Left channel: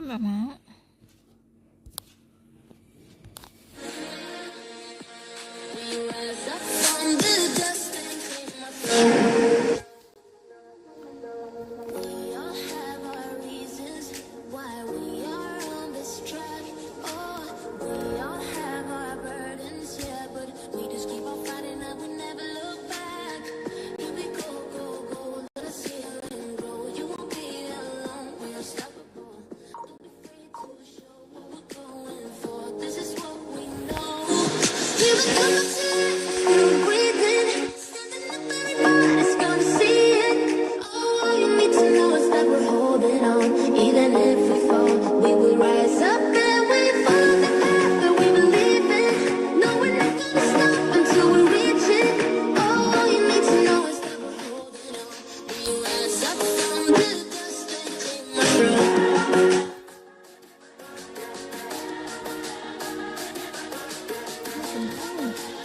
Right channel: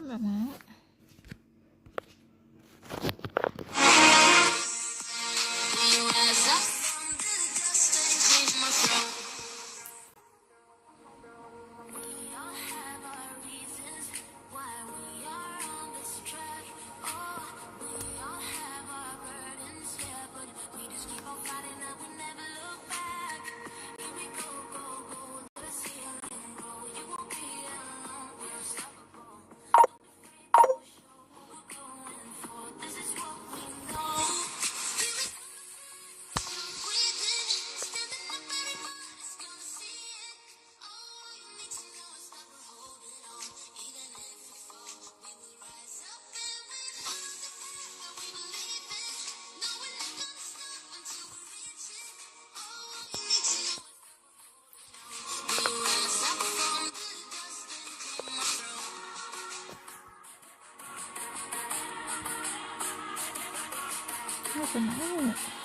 nggak mau. Even if we fall, we will rise up and we follow the path that we believe in. No, we're not gonna stop until we reach it. All you need to know is that we're holding on. We rise up from the dust and claim our throne. Nggak mau.